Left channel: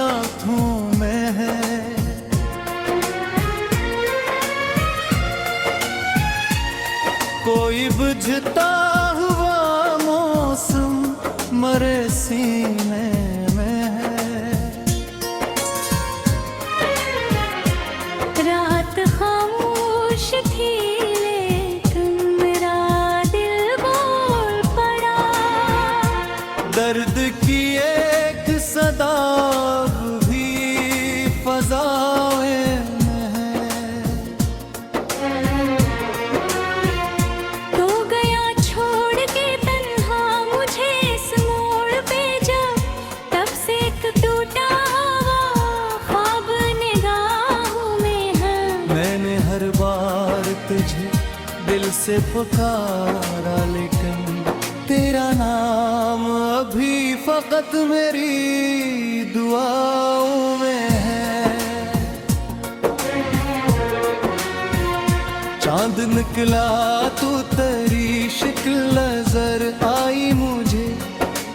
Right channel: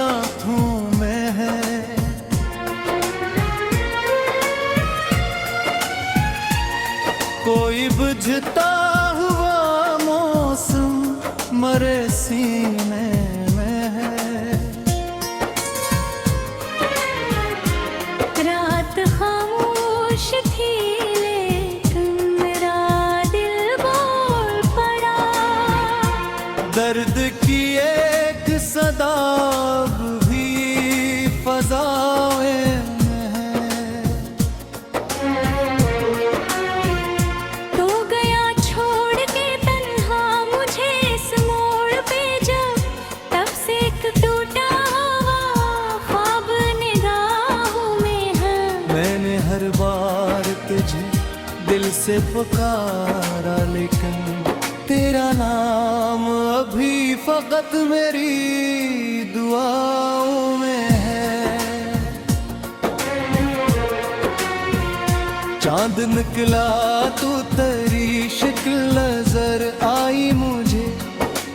आँखों में है। कोई बुझता हुआ मौसम मरे सीने में है। रात खामोश थी लेकिन मेरा दिल बोल पड़ा। दर्द की एक सदा भी फज़ाओं में है। तो गया छोड़ के तन्हा मुझे इस मोड़ पे जब, तब से एक टूटा हुआ ख्वाब निगाहों में है। मैंने हर बार तुझे दिल से पुकारा लेकिन तेरा नाम अभी फकत मेरी दुआओं में है। चांद निकला तो तेरी शक्ल नजर आई मुझे।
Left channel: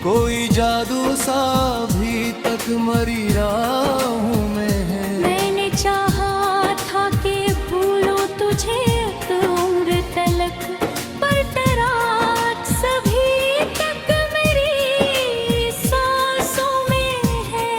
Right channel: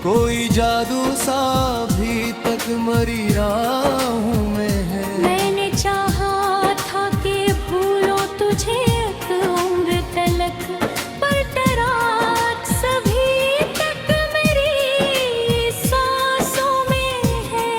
कोई जादू सा अभी तक मरी राहों में है। मैंने चाहा था कि भूलो तुझे एक उम्र तलक, पर तराट सभी तक मेरी सांसों में है।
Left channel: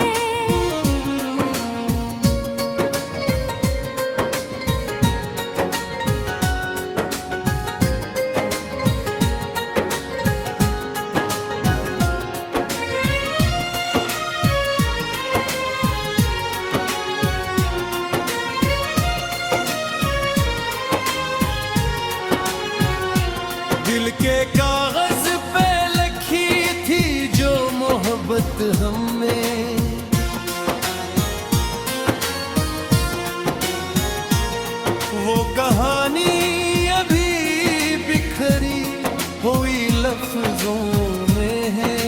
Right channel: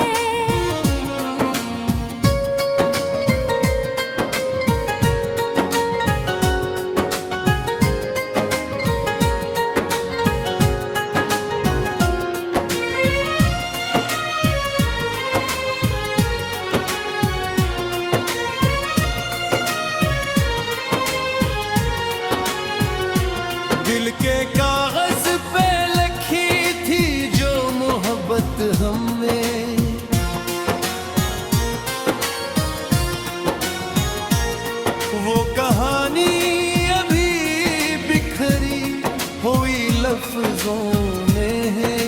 दिल के कागज पे लिखी थी जो मोहब्बत हमें, वो कहानी अभी बिखरी हुई लफ्जों में है।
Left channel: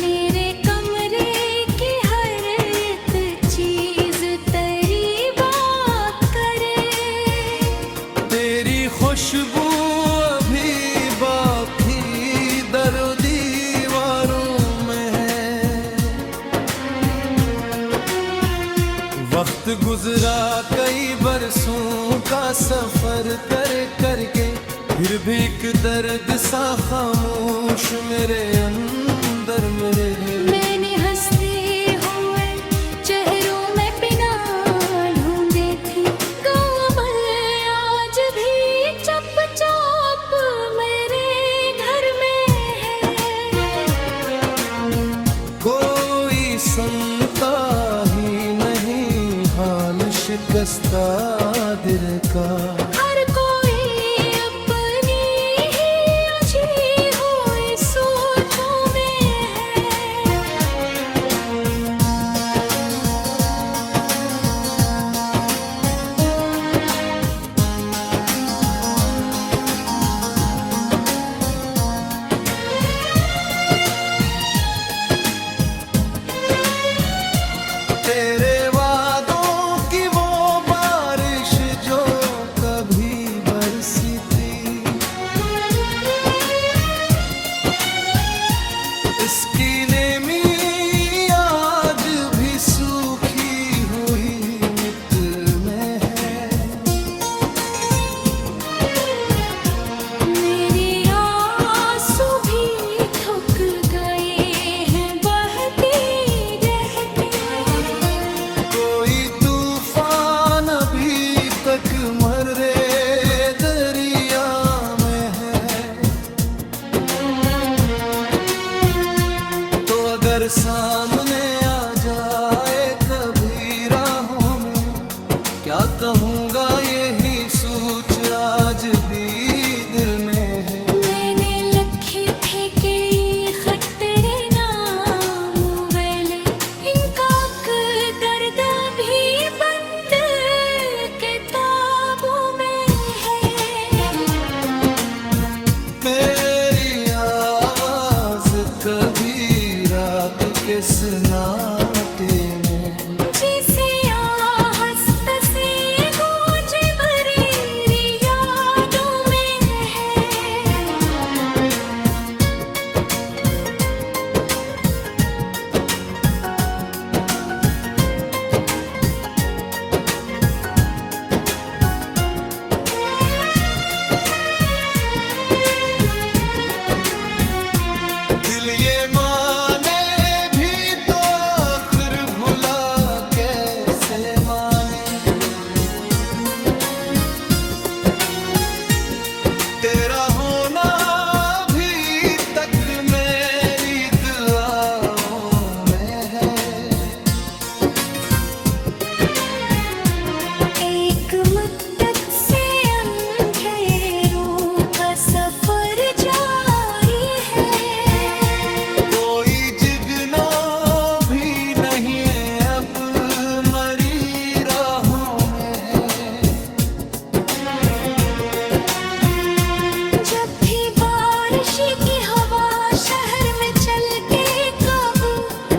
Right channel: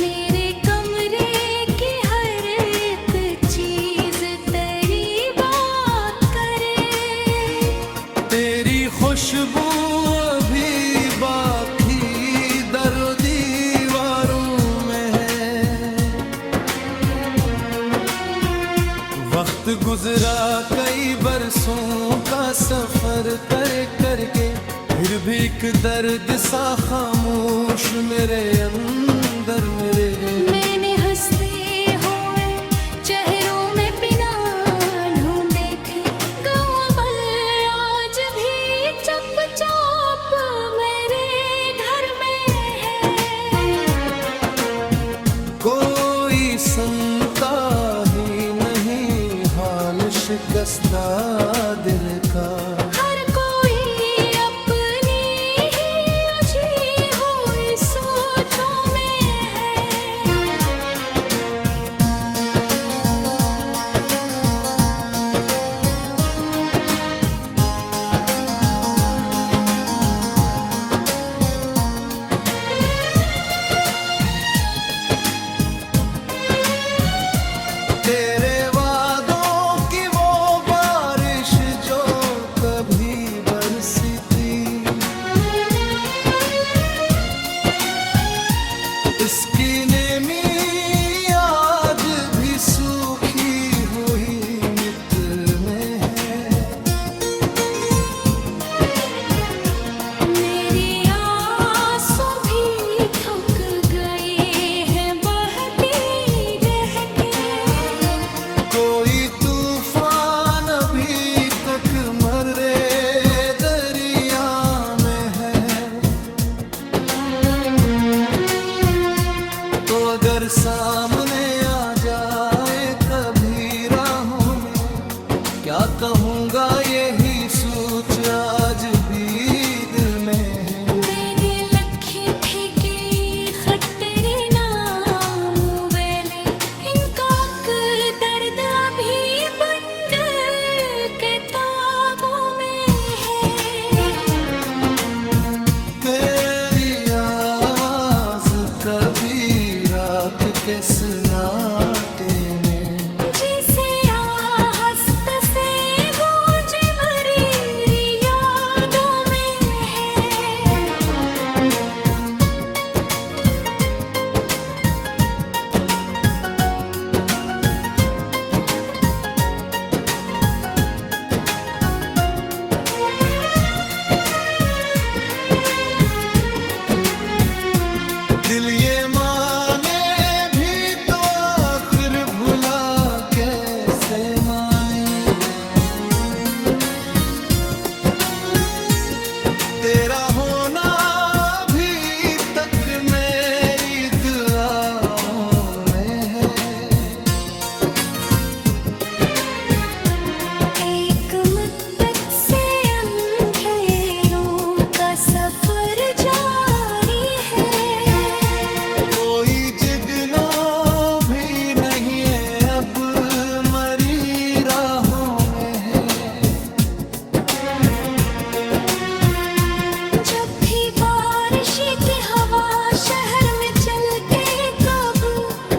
मेरे कमरे की हर एक चीज तेरी बात करे। तेरी खुशबू अभी बाकी दरो दीवारों में है। वक्त गुजरा कई बरसों का सफर कर करके, फिर भी एक दर्द सा खामोश मेरे अंदर मेरे है। मैंने हंसते हुए चेहरों में बिना ढूंढे थी गौबल आज भी चुपचाप मेरे घर में है। कोई सुनता ही नहीं हाल शिकस्ता दिल का। हर कोई अपनी ही उलझी हुई सोचों में है। तेरे वादों की वो बारिश जो कभी बरसी थी, इसकी नेमी आज भी सूखी हुई मिट्टी में है। मेरी आंसू भी थक गए हैं बहती रह के। कोई तूफान अभी तक मरे दरिया में है। तो अगर सामने आ जाए कभी राहों में, क्या कहूँगा यही सोच आज भी दिल में है। मैंने लखे थे कि खत तेरे नाम वेले, इनका दर्द अभी बंद किताबों में है। मेरी आवाज कभी रात के सन्नाटे में, जिसे आहस्त से गूंजे भरी यादों में है। माने भी तो आखिर भुला कैसे माने। तेरा होना अभी तक मेरी दुआओं में है। एक मुद्दत से अंधेरों का सफर जारी है। कोई जिगनों भी नहीं है अब मरी राहों में है। जब भी बारिश की हवा शहर में चल के कब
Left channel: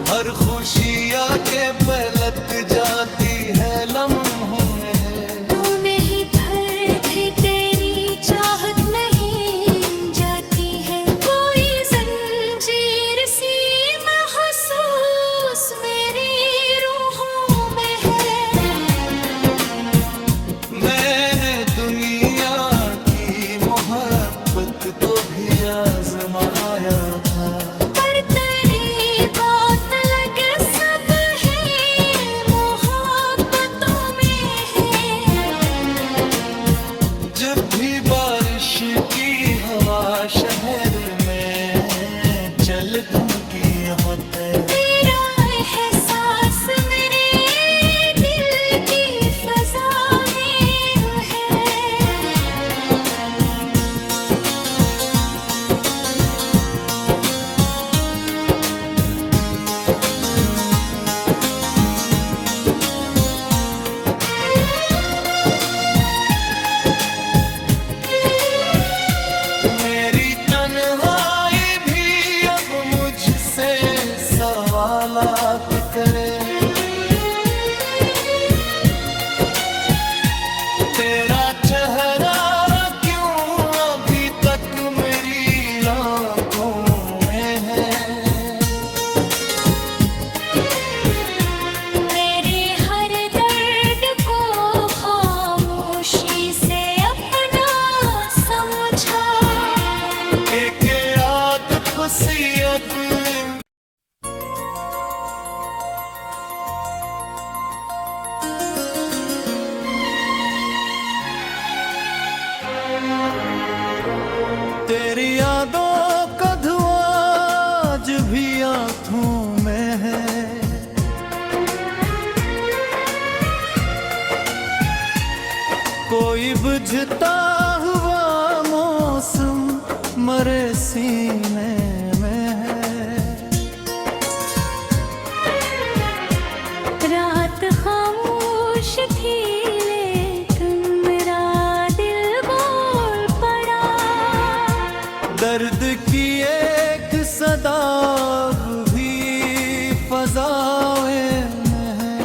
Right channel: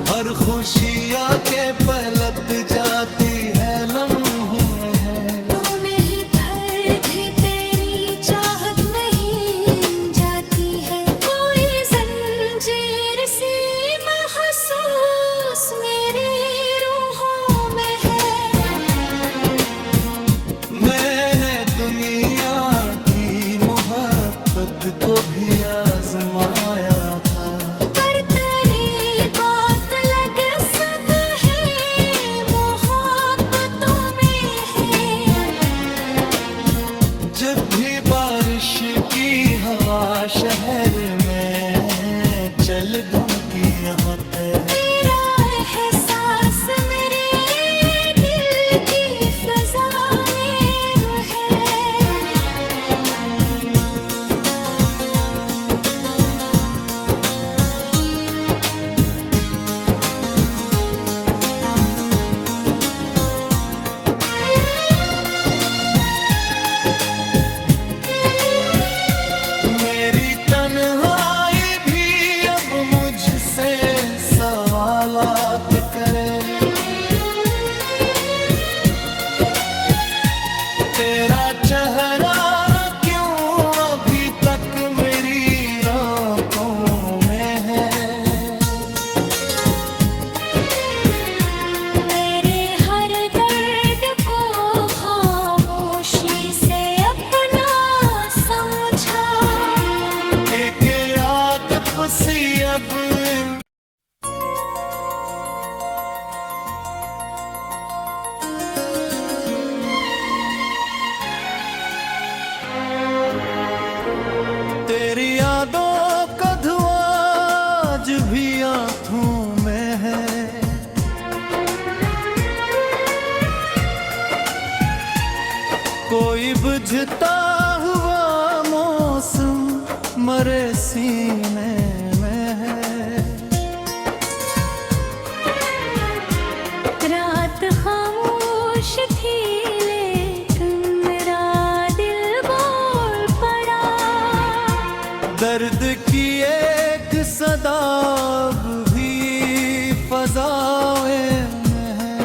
हर खुशी आके पलट जाती है लम्हों में है। तो नहीं धरती तेरी चाहत नहीं जाती है। कोई जंजीर सी महसूस मेरी रूहों में है। मैंने दुनिया की मोहब्बत को भी आजमाया था। पर तेरी बात लग सब है मोहब्बतों में है। जब भी बारिश की हवा शहर में चल गम की होते। तेरा एहसास मेरे दिल की फजा में है। मेरी तन्हाई भी अब मुझसे सवालात करे। तेरा चेहरा क्यों अभी तक मेरी आंखों में है। मेरे हर दर्द को खामोशी से अपना समझा। एक याद खुशी अब तेरी यादों का धुआं आज भी आंखों में है। कोई बुझता हुआ मौसम मरे सीने में है। रात खामोश थी लेकिन मेरा दिल बोल पड़ा। दर्द की एक सदा भी फजाएं में है।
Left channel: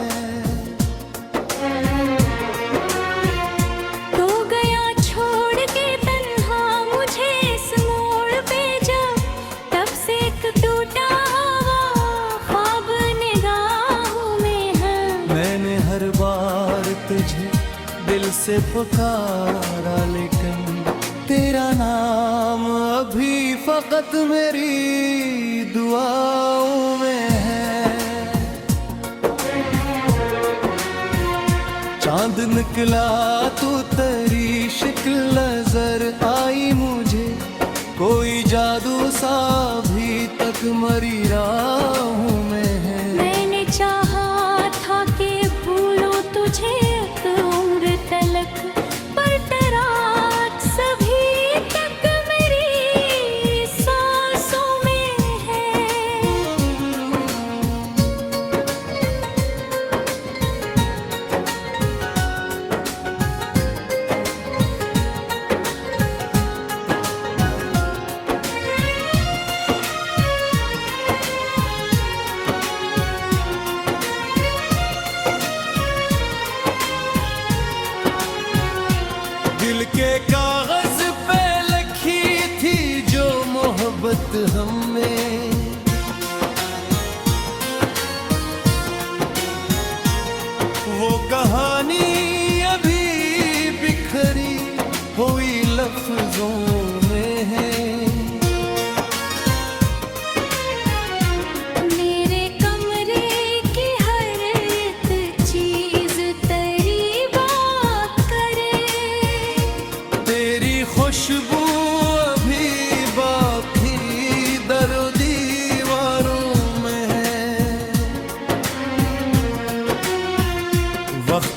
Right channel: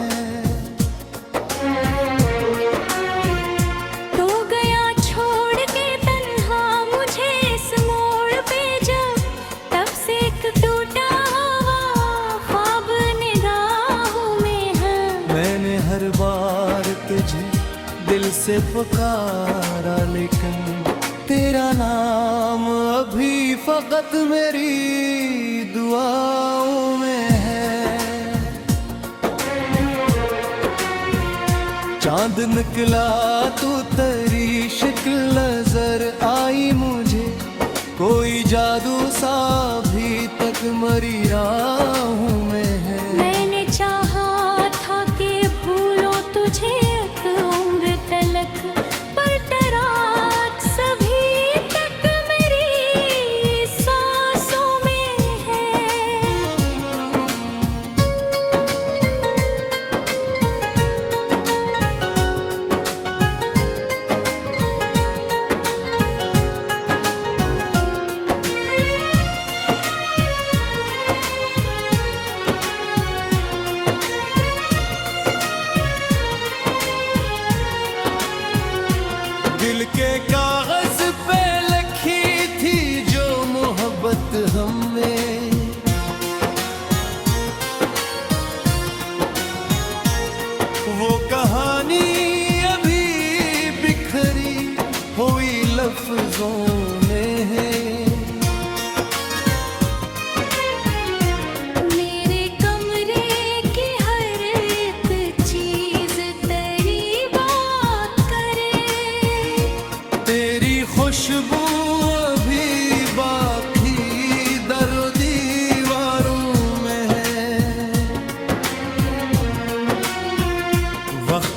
तो गया छोड़ के तन्हा मुझे इस मोड़ पे जब तब से एक टूटा हुआ ख्वाब निगाहों में है। मैंने हर बार तुझे दिल से पुकारा लेकिन तेरा नाम अभी फकत मेरी दुआओं में है। चांद निकला तो तेरी शक्ल नजर आई मुझे। कोई जादू सा अभी तक मरी राहों में है। मैंने चाहा था कि भूलो तुझे एक उम्र तलक पर तेरा सभी तक मेरी सांसों में है।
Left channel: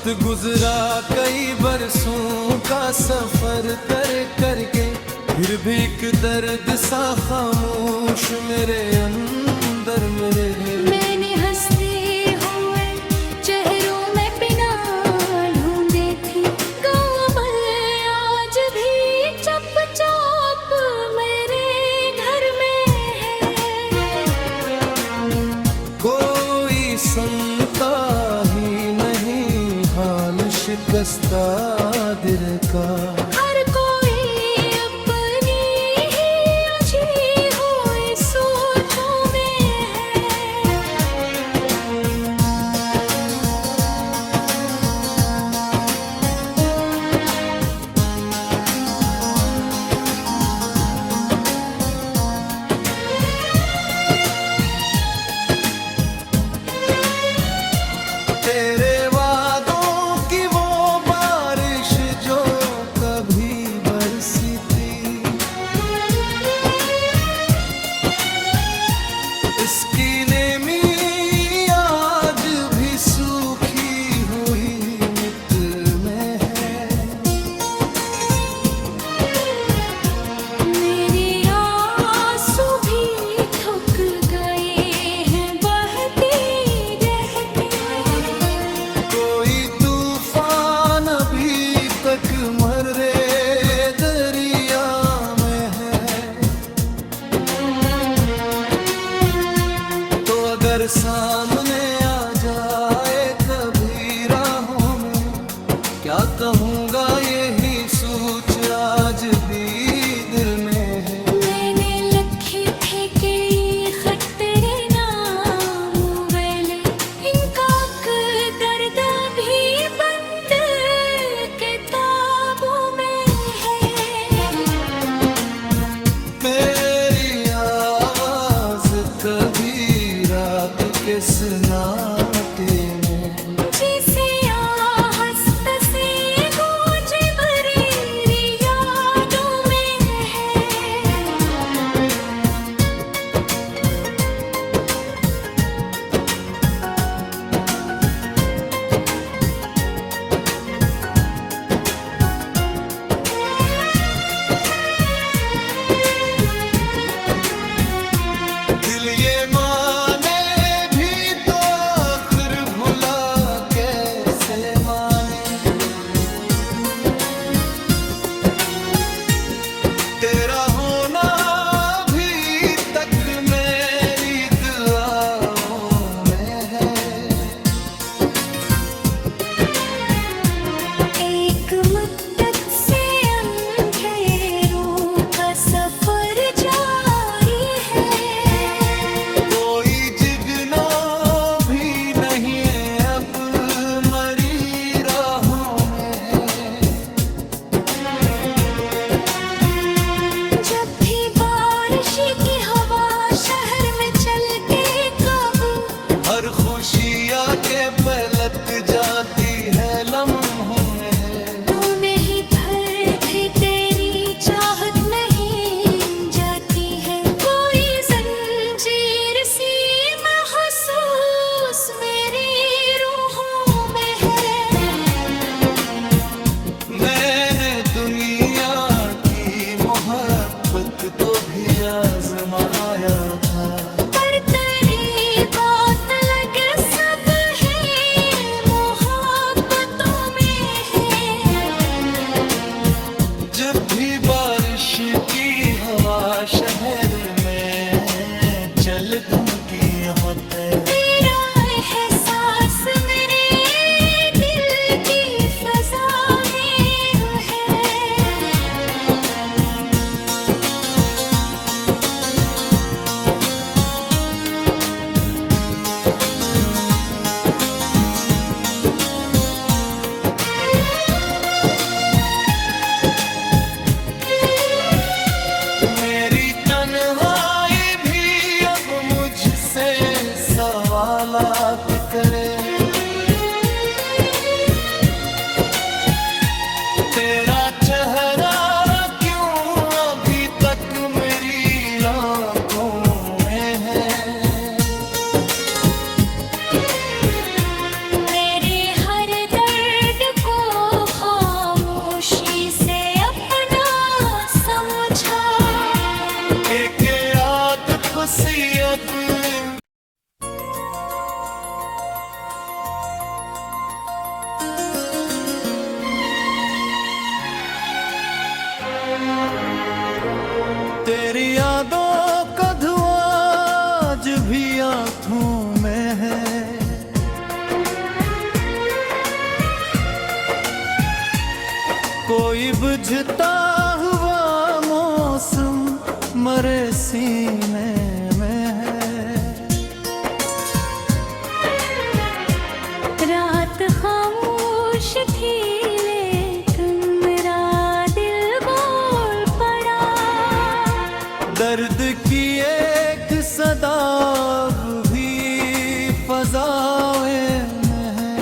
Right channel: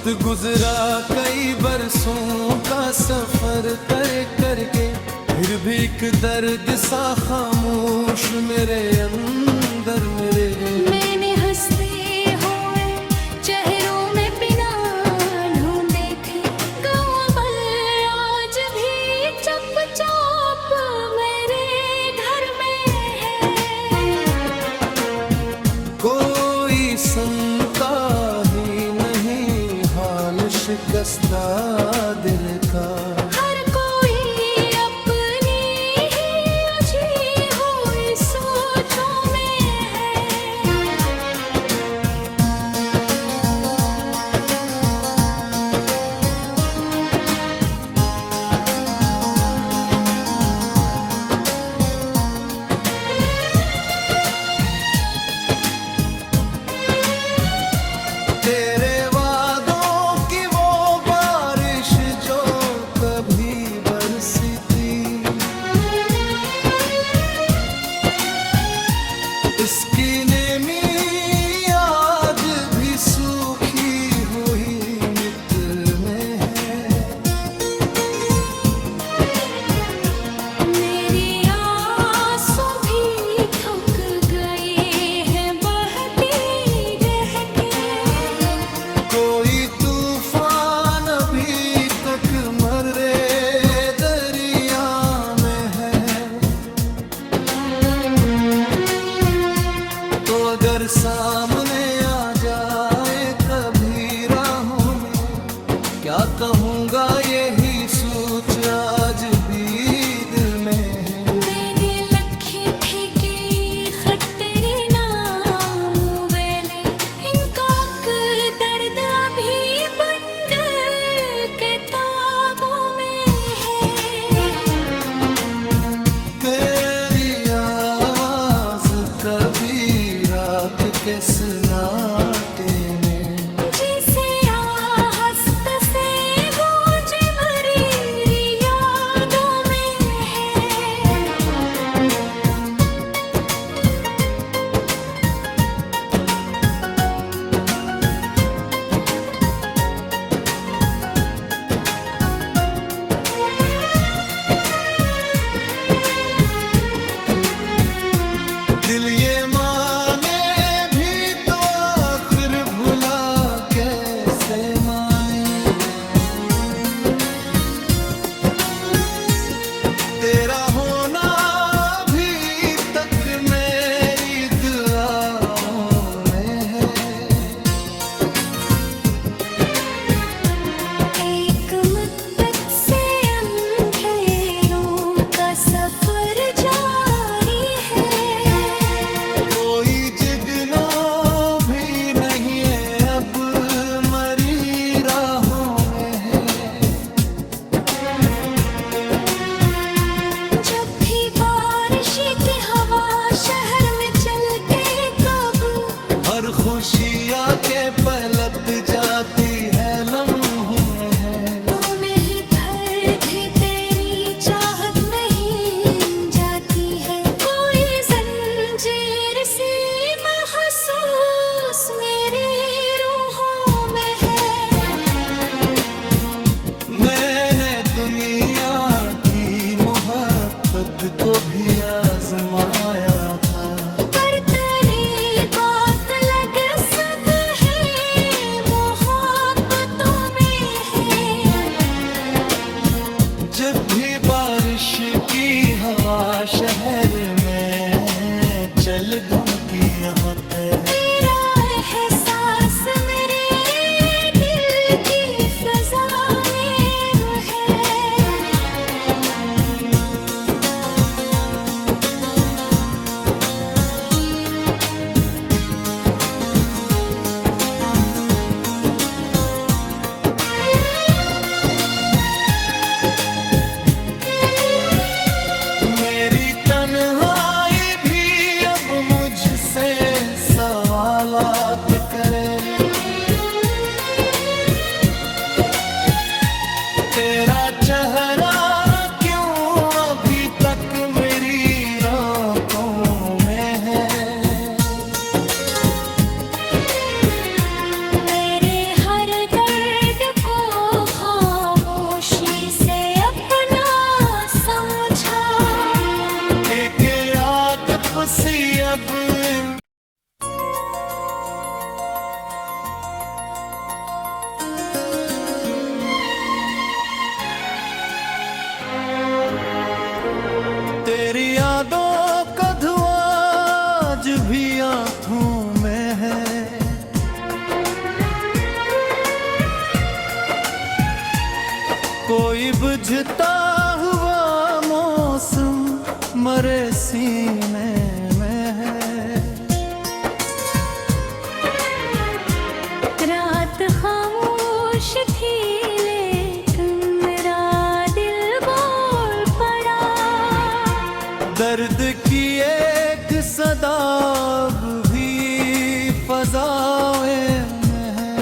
वक्त गुजरा कई बरसों का सफर करके, फिर भी एक दर्द सा खामोश मेरे अंदर मेरे। मैंने हंसते हुए चेहरों में बिना ढूंढे थी गौबल, आज भी चुपचाप मेरे घर में है। कोई सुनता ही नहीं हाल शिकस्ता दिल का। हर कोई अपनी ही उलझी हुई सोचों में है। तेरे वादों की वो बारिश जो कभी बरसी थी, इसकी नेमी आज भी सूखी हुई मिट्टी में है। मेरी आंसू भी थक गए हैं बहती रह के। कोई तूफान अभी तक मरे दरिया में है। तो अगर सामने आ जाए कभी राहों में, क्या कहूँगा यही सोच आज भी दिल में है। मैंने लखे थे कि खत तेरे नाम वेले, इनका दर्द भी बंद किताबों में है। मेरी आवाज कभी रात के सन्नाटे में, जिसे आहस्त से गूंजे मरीरी यादों में है। दिल ये माने भी तो आखिर भुला कैसे माने। तेरा होना भी तक मेरी दुआओं में है। एक मुद्दत से अंधेरों का सफर जारी है। कोई जिगनो भी नहीं है अब मरी राहों में है। जब भी बारिश की हवा शहर में चल के कब हर खुशी आके पलट जाती है लम्हों में है। तो नहीं भर भी तेरी चाहत नहीं जाती है। कोई जंजीर सी महसूस मेरी रूहों में है। मैंने दुनिया की मोहब्बत को भी आजमाया था। पर तेरी बात लग सब है मोहब्बतों में है। जब भी बारिश की हवा शहर में चल घूमती होते, तेरा एहसास मेरे दिल की फजा में है। मेरी तन्हाई भी अब मुझसे सवालात आज भी आँखों में है। कोई बुझता हुआ मौसम मरे सीने में है। रात खामोश थी लेकिन मेरा दिल बोल पड़ा। दर्द की एक सदा भी फज़ाओं में है।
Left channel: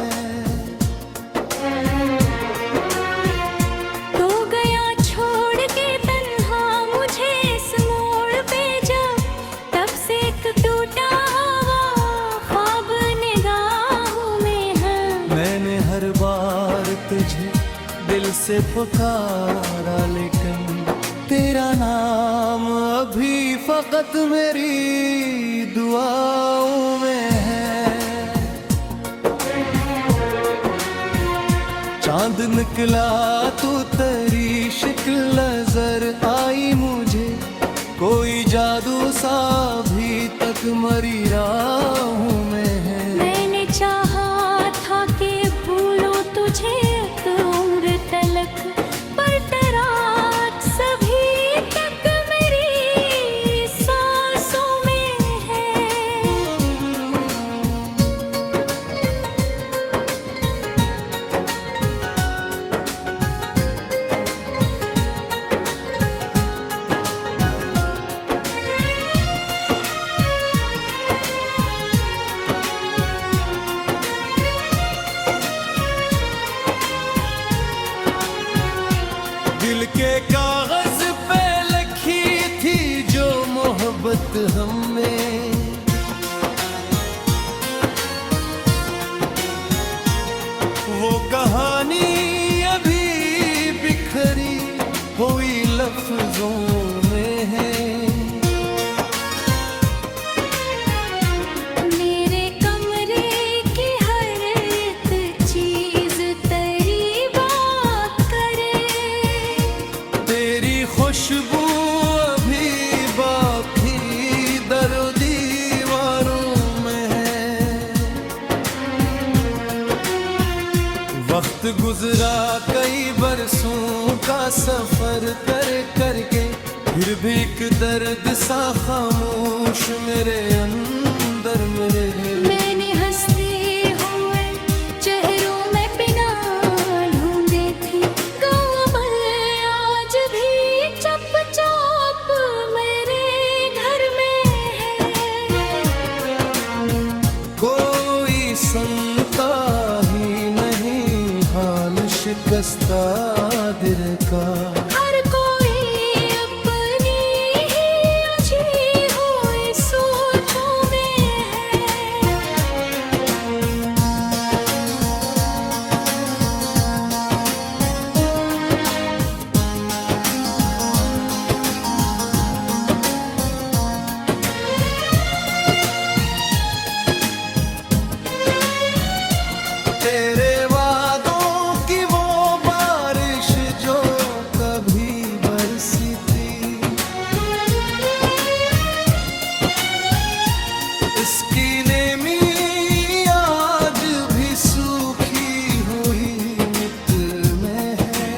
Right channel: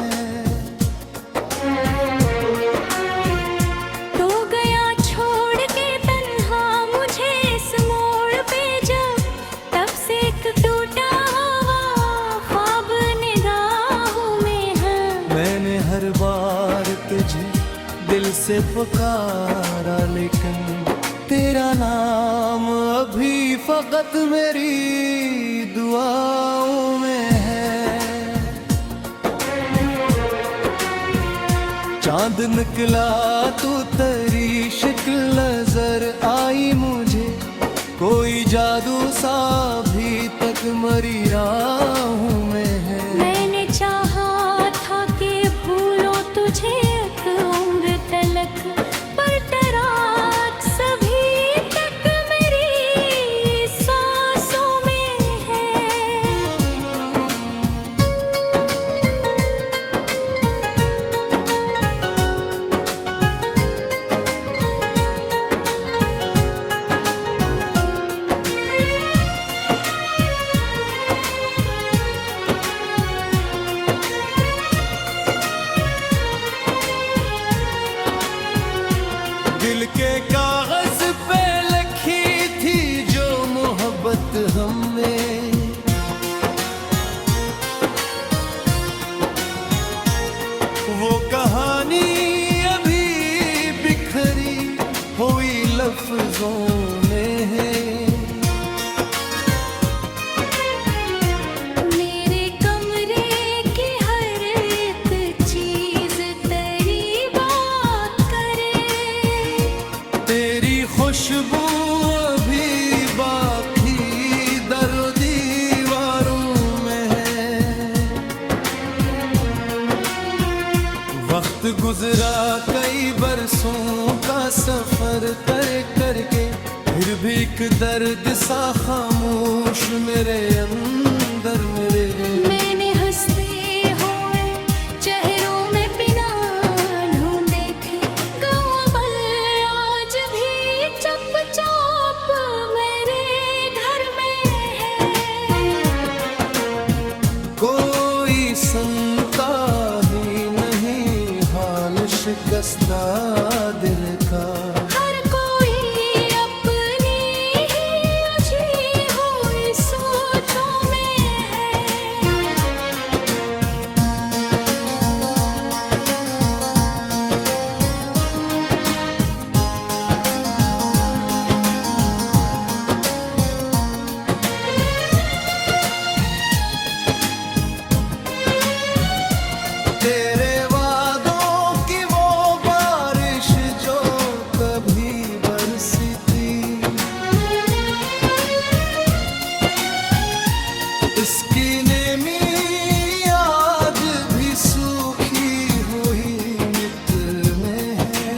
तो गया छोड़ के तन्हा मुझे इस मोड़ पे जब, तब से एक टूटा हुआ ख्वाब निगाहों में है। मैंने हर बार तुझे दिल से पुकारा लेकिन तेरा नाम अभी फकत मेरी दुआओं में है। चांद निकला तो तेरी शक्ल नजर आई मुझे, कोई जादू सा अभी तक मरी राहों में है। मैंने चाहा था कि भूलो तुझे एक उम्र तलक, पर तेरा सभी तक मेरी सांसों में है। दिल के कागज पे लिखी थी जो मोहब्बत हमें, वो कहानी अभी बिखरी हुई लफ्जों में है। मेरे कमरे की हर एक चीज तेरी बात करे। तेरी खुशबू अभी बाकी दरो दीवारों में है। वक्त गुजरा कई बरसों का सफर कर करके, फिर भी एक दर्द सा खामोश मेरे अंदर मेरे है। मैंने हंसते हुए चेहरों में बिना ढूंढे थी गौबल, आज भी चुपचाप मेरे घर में है। कोई सुनता ही नहीं हाल शिकस्ता दिल का। हर कोई अपनी ही उलझी हुई सोचों में है। तेरे वादों की वो बारिश जो कभी बरसी थी, इसकी नेमी आज भी सूखी हुई मिट्टी में है।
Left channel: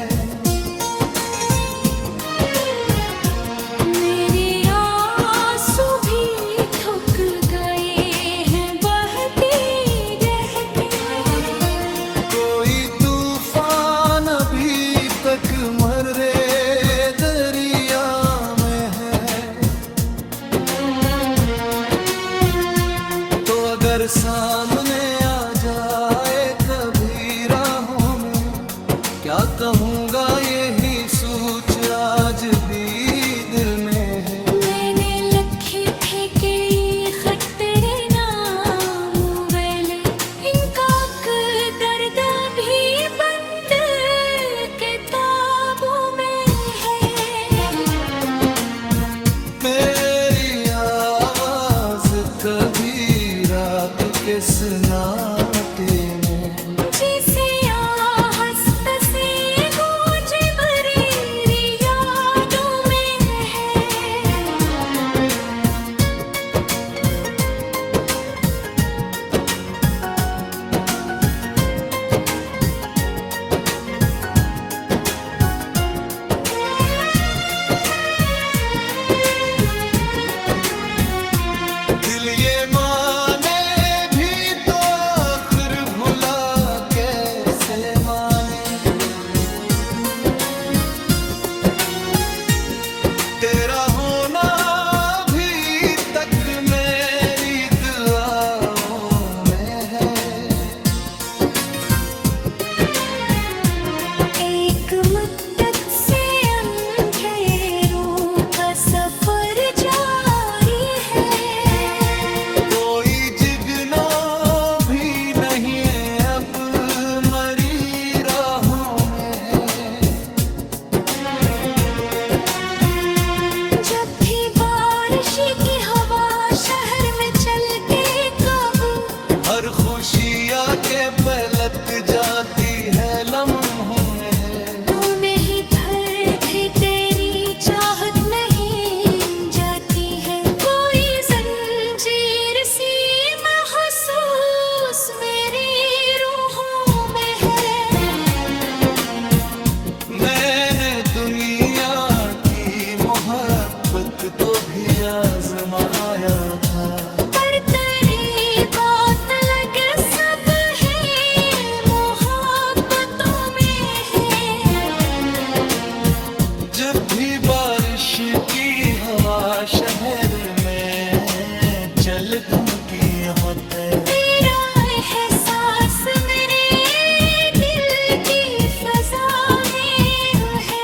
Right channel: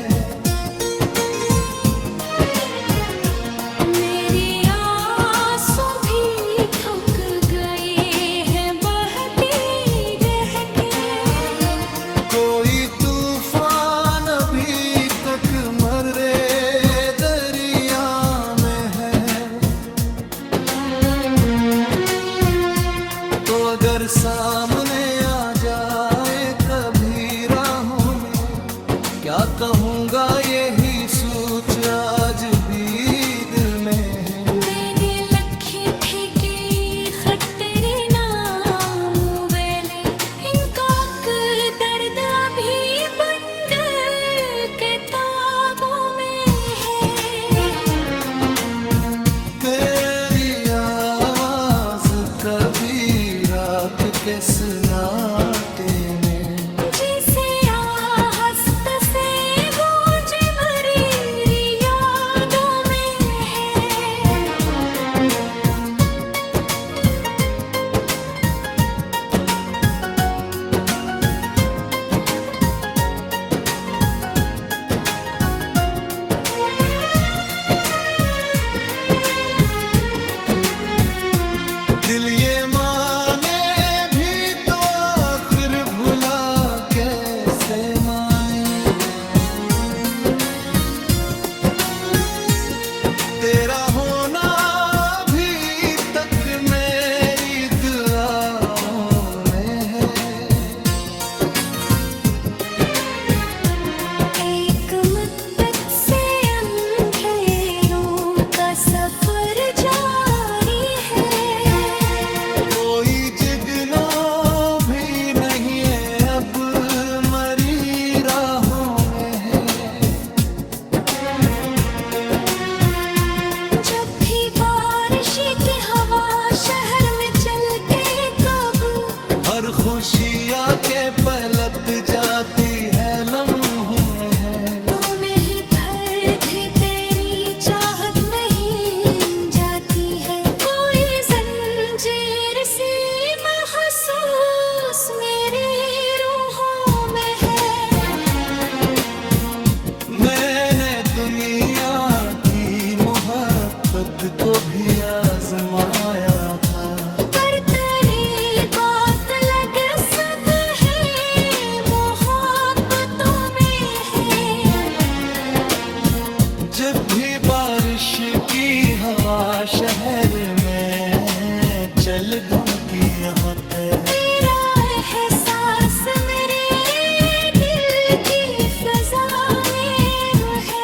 मेरी आंसू भी थक गए हैं बहती रहती। कोई तूफान अभी तक मरे दरिया में है। तो अगर सामने आ जाए कभी राहों में, क्या कहूँगा यही सोच आज भी दिल में है। मैंने लखे थे कि खत तेरे नाम वेले, इनका दर्द भी बंद किताबों में है। मेरी आवाज कभी रात के सन्नाटे में, जिसे आहस्त से गूंज भरी यादों में है। माने भी तो आखिर भुला कैसे माने। तेरा होना अभी तक मेरी दुआओं में है। एक मुद्दत से अंधेरों का सफर जारी है। कोई जिगनो भी नहीं है अब मरी राहों में है। जब भी बारिश की हवा शहर में चल के कब हर खुशी आके पलट जाती है लम्हों में है। तो नहीं भरती तेरी चाहत नहीं जाती है। कोई जंजीर सी महसूस मेरी रूहों में है। मैंने दुनिया की मोहब्बत को भी आजमाया था। पर तेरी बात लग सब है मोहब्बतों में है। जब भी बारिश की हवा शहर में चल घूमती होते। तेरा एहसास मेरे दिल की फजा में है।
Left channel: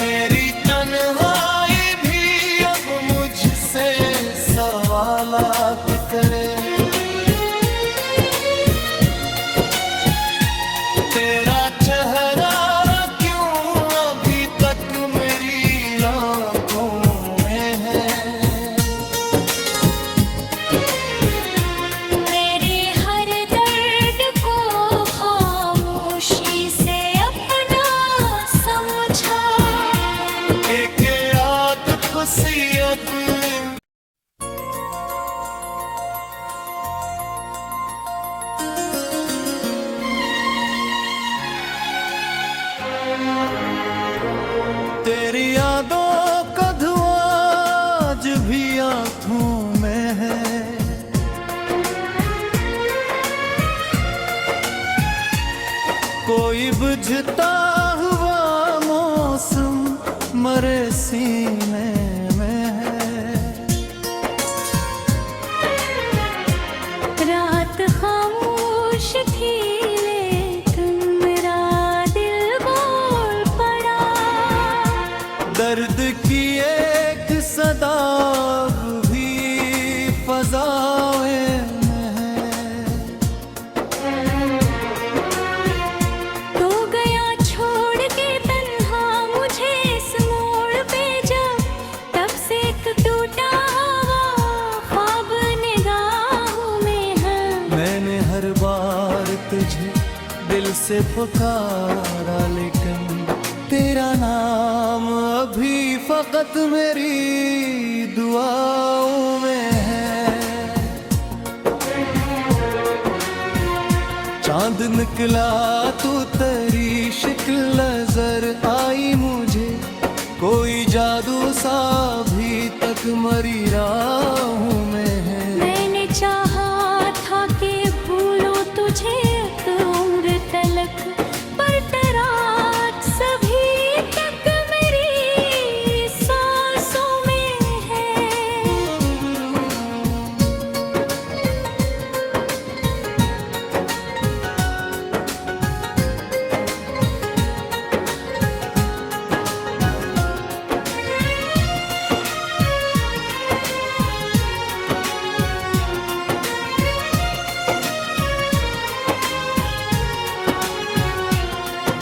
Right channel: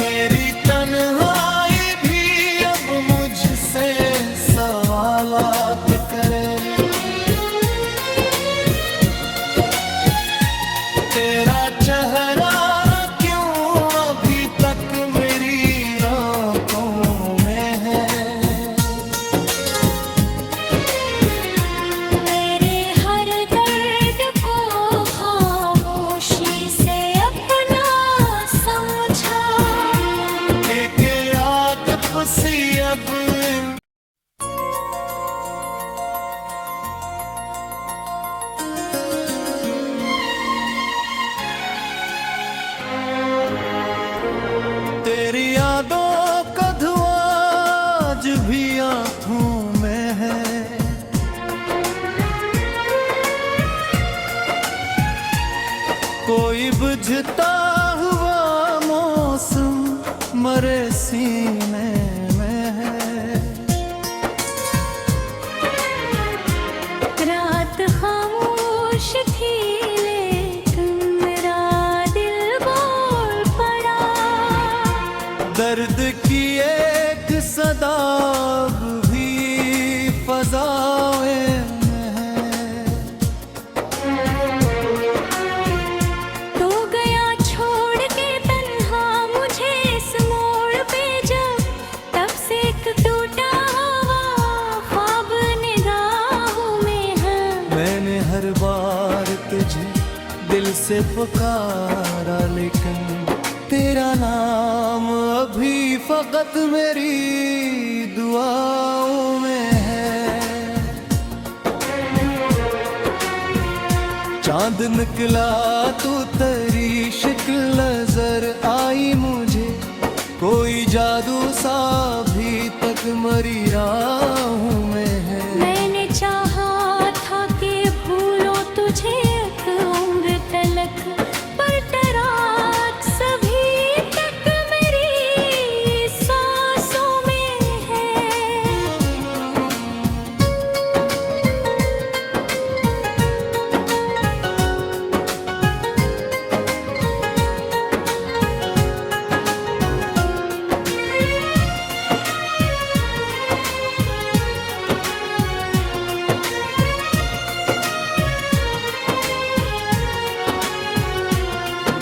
मेरी तन्हाई भी अब मुझसे सवालात करे। तेरा चेहरा क्यों अभी तक मेरी आंखों में है। मेरे हर दर्द को खामोशी से अपना समझा। एक याद खुशी अब तेरी यादों का धुआं आज भी आंखों में है। कोई बुझता हुआ मौसम मरे सीने में है। रात खामोश थी लेकिन मेरा दिल बोल पड़ा। दर्द की एक सदा भी फजाएं में है। तो गया छोड़ के तन्हा मुझे इस मोड़ पे जब तब से एक टूटा हुआ ख्वाब निगाहों में है। मैंने हर बार तुझे दिल से पुकारा लेकिन तेरा नाम अभी फकत मेरी दुआओं में है। चांद निकला तो तेरी शक्ल नजर आई मुझे। कोई जादू सा अभी तक मरी राहों में है। मैंने चाहा था कि भूलो तुझे एक उम्र तलक पर तेरा सभी तक मेरी सांसों में है।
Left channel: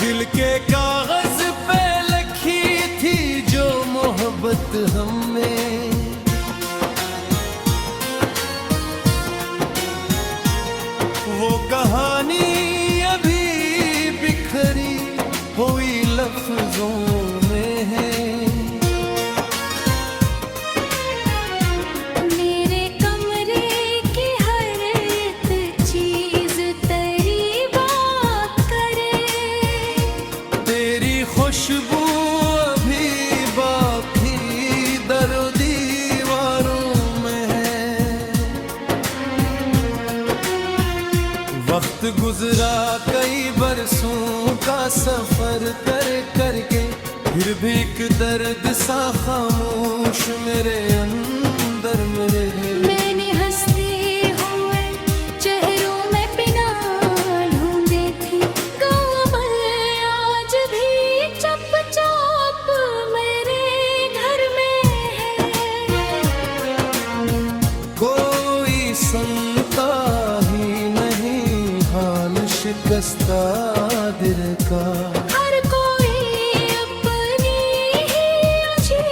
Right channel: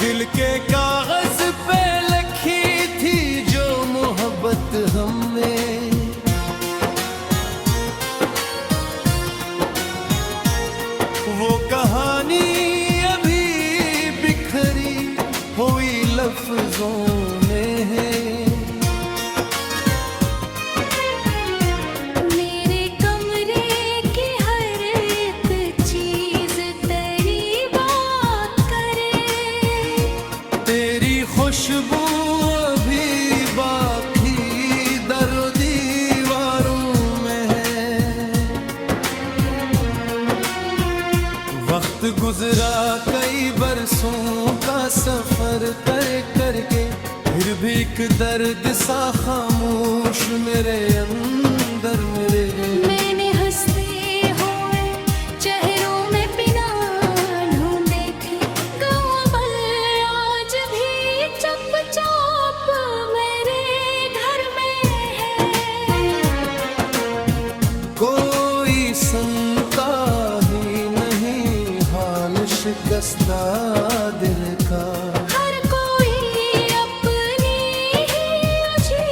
दिल के कागज पे लिखी थी जो मोहब्बत हमें। वो कहानी अभी बिखरी हुई लफ्जों में है। वक्त गुजरा कई बरसों का सफर करके, फिर भी एक दर्द सा खामोश मेरे अंदर मेरे है। मैंने हंसते हुए चेहरों में बिना ढूंढे थी गौबल, आज भी चुपचाप मेरे घर में है। कोई सुनता ही नहीं हाल शिकस्ता दिल का, हर कोई अपनी ही उलझी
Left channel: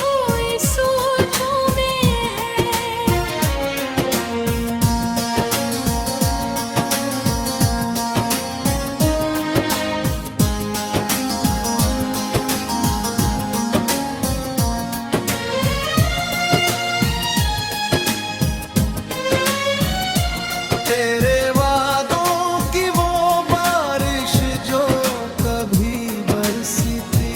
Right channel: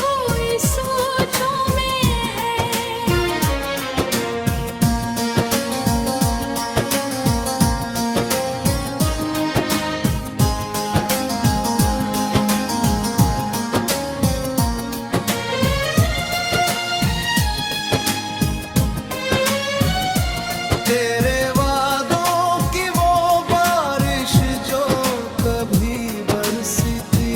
हुई सोचों में है। तेरे वादों की वो बारिश जो कभी बरसी थी,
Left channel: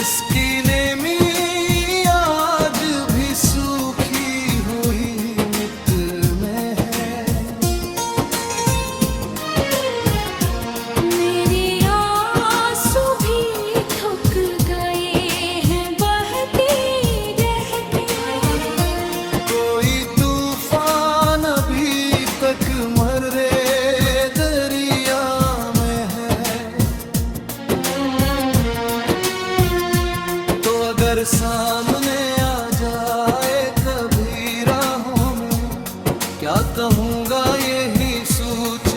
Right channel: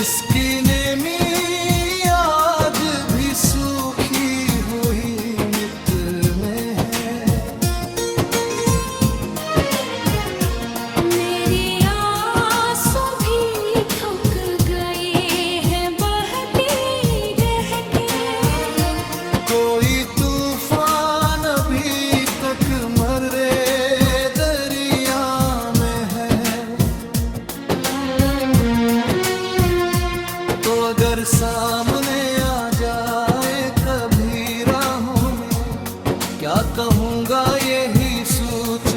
इसकी नेमी आज भी सूखी हुई मिट्टी में है। मेरी आंसू भी थक गए हैं बहती रह के, कोई तूफान अभी तक मर्रे दरिया में है। तो अगर सामने आ जाए कभी राहों में, क्या कहूँगा यही सोच